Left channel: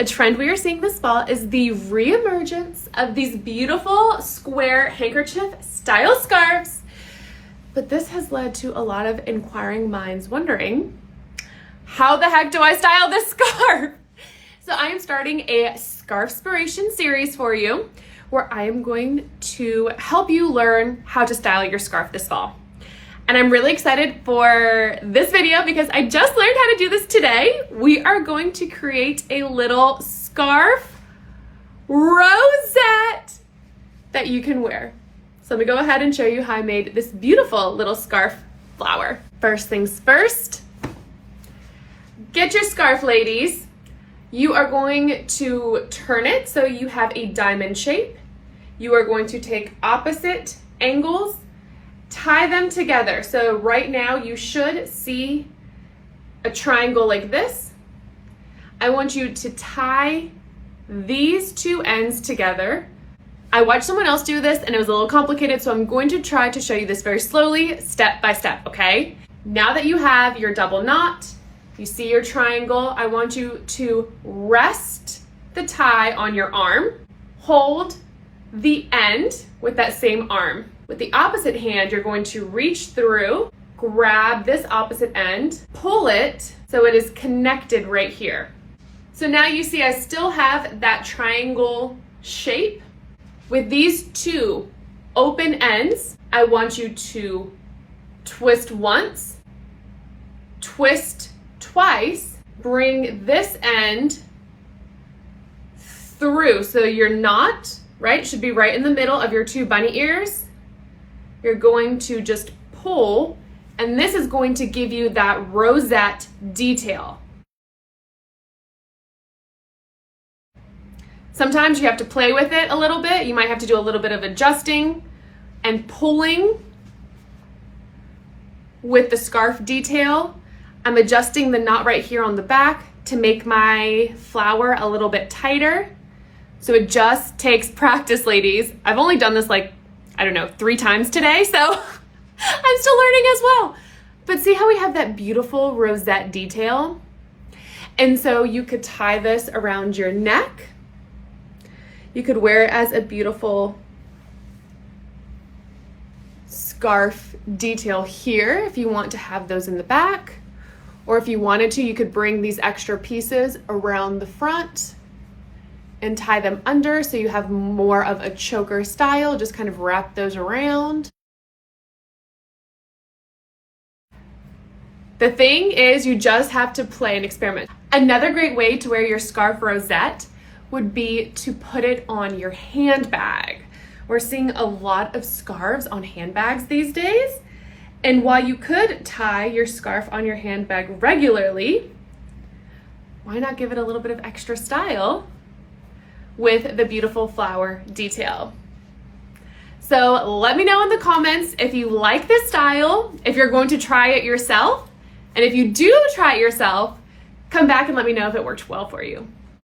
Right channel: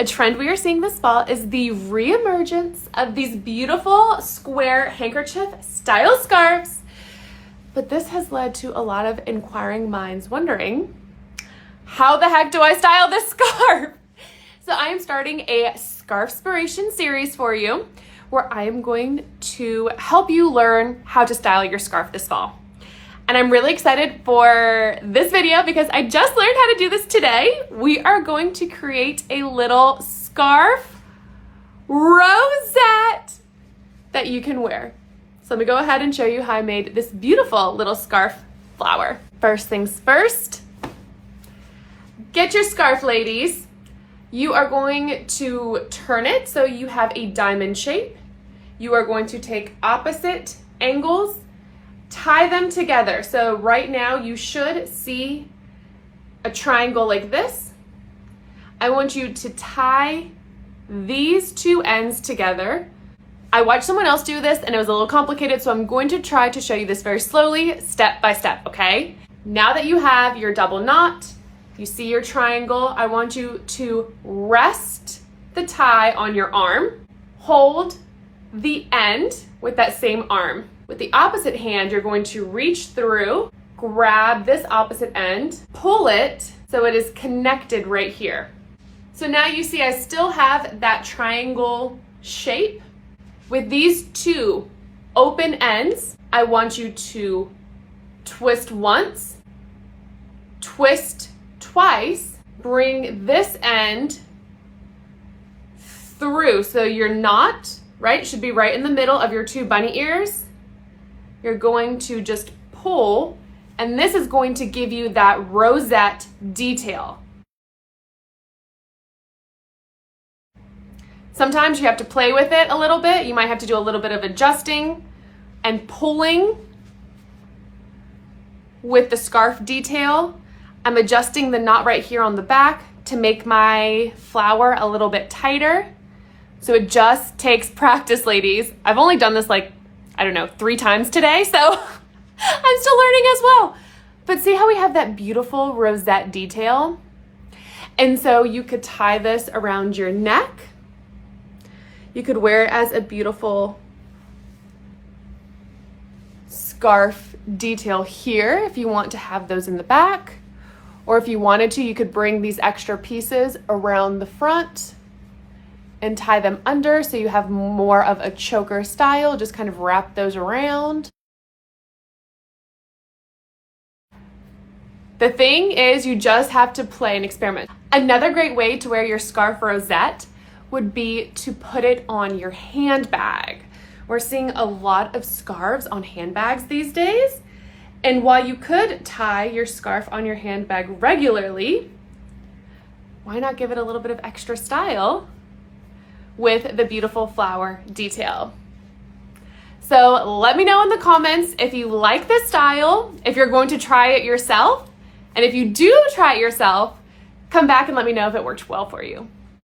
A trend we are seeing this fall is the reemergence of these beautiful square handkerchief style scarves. But this has led to a lot of inquiring minds wondering, how the heck do I style this scarf? So I am starting a Scarfspiration series for you, where I am going to help you learn how to style your scarf this fall. And I'm really excited for this video because I just learned how to do this today. We are going to create a little scarf rosette that you can wear. So let me go ahead and show you how I made this beautiful little scarf flower. First things first, get your scarf, ladies. You are going to turn it so you have a diamond shape. You are going to take opposite angles, tie them together. So right now you should see a triangle like this. I want you to tie these two ends together. I watched someone else do this and it was a little complicated, so I'm going to try to show you this very slowly, step by step, okay? Now that you have your double knot, you see your triangle, I want you to rest the tie on your arm, hold the end with that same arm. With the opposite hand, you're going to reach through, grab this opposite end, pull it so it is connected right here. So now you see I still have that triangle shape. With these two open ends, I want you to twist once, twist twice, bring this end through. So your knot, right, should be right in the middle of your two bunny ears. You're going to just pull, and this is going to give you that rosette detail. Sometimes you have to play with it a little bit. You might have to do a little bit of adjusting and pulling with the scarf detail. I'm adjusting the knot right here on the back to make my flower a little bit tighter. So it just takes practice, ladies. I've only done this like, I don't know, 3 times today, so I'm still learning as well. But see how we have that beautiful rosette detail? And so you could tie this around your neck. You could wear it as a beautiful scarf detail here if you want to have those in the back. Or if you wanted to, you could bring these extra pieces around the front and tie them under so you have more of a choker style. Just kind of wrap those around. The thing is, you just have to play and experiment. Another great way to wear your scarf rosette would be to put it on your handbag. We're seeing a lot of scarves on handbags these days. And while you could tie your scarf on your handbag regularly, why not give it a little bit of extra style with the beautiful flower detail? So let me know in the comments if you like this style, if you're going to try it yourself, and if you do try it yourself, come back and let me know if it worked well for you.